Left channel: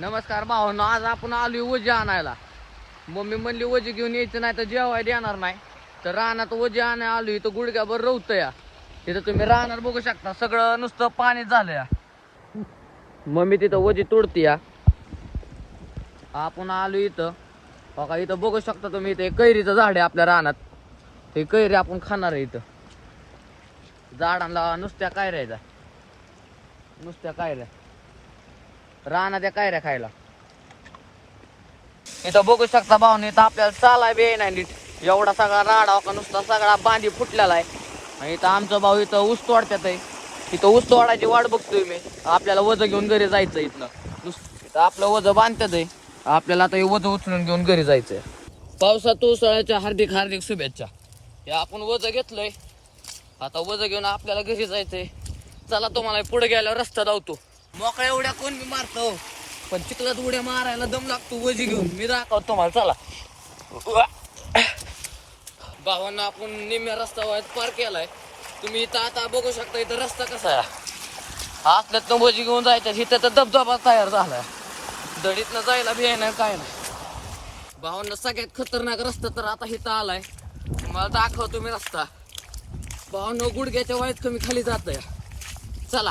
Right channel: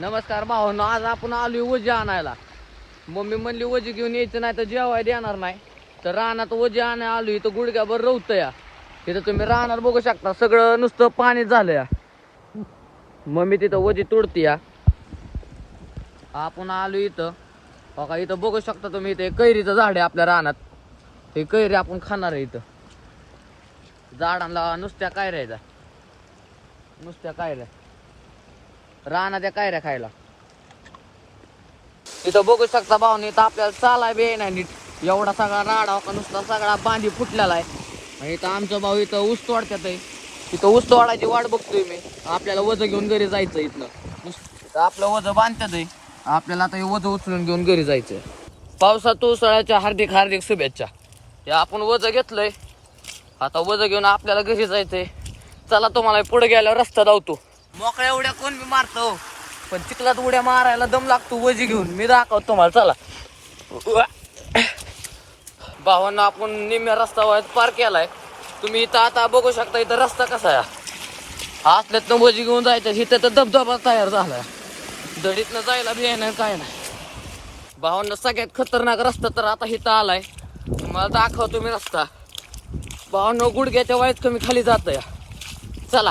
नमस्कार भावांनो, आज आपण आलोय वजी आणायला. मम्मी म्हणली वजी घेऊन यायचं नाही तर जेवाय देणार नाही. तर रानात वजी आणायला आलोय. इथं गुडघ्याभर रवतं या. तिथं तुम्ही रानात बघू शकता, सगळं नुसतं पाणी झालं या. मम्मी तिथं वजी तोडती या. आपण आलोय इथं बघा, इथं बघू शकता तुम्ही. इथं कैरीचं झाड आहे आपल्या रानात. हे कैरी आपण खाणार आहे. इथं झाडांना नुसत्या कैऱ्या, नुसत्या कैऱ्या रानात त्या कैऱ्या खायला. इथं बघू शकता भावने, इथं आपल्याला चालाय बी नाही नीट. एवढा सगळा राडा का नुसता सगळा बांधी फुटलेला आहे. आणि इथं आमचा भाऊ इथं ऊस तोडतात आहे. इथं ऊस तोडायची वाट बघतोय मी. आपल्याला वज घेऊन घरी जायचं. इथं आपलं वज बांधतात आहे. आपल्याला आता हे वज उचलून घेऊन घरी जायचंय. पावसात उसळ्याच्या हार्दिक हार्दिक शुभेच्छा. हे आपण वज घेतलंय, आता वज घेऊन आपल्याला घरी जायचंय. चला, तुम्हाला पुढे गेल्यावर रस्ता धावतो. मोकळ्या उड्या कोण बी मारतो, पण चिखलात उड्या मारायला दम लागतो वजी घेऊन. मी दाखवतो तुम्हाला, चला. भावांना आपण निम्म्या रस्ता पार केलाय. तुम्ही इथं आता बघू शकता, इथं रस्ता कसा आहे. असले तर वजी घेऊन जायचं. इथं तर धबधबा तयार झाला. दडीतनं जायला बी नाही, काय नाही. भावांना सगळ्यात खतरनाक रस्ता तर आता इथं आलाय. तुम्हाला दाखवतो मी रस्ता. भावांना गुडघ्याच्या वयात कमी खाली जात या. चला.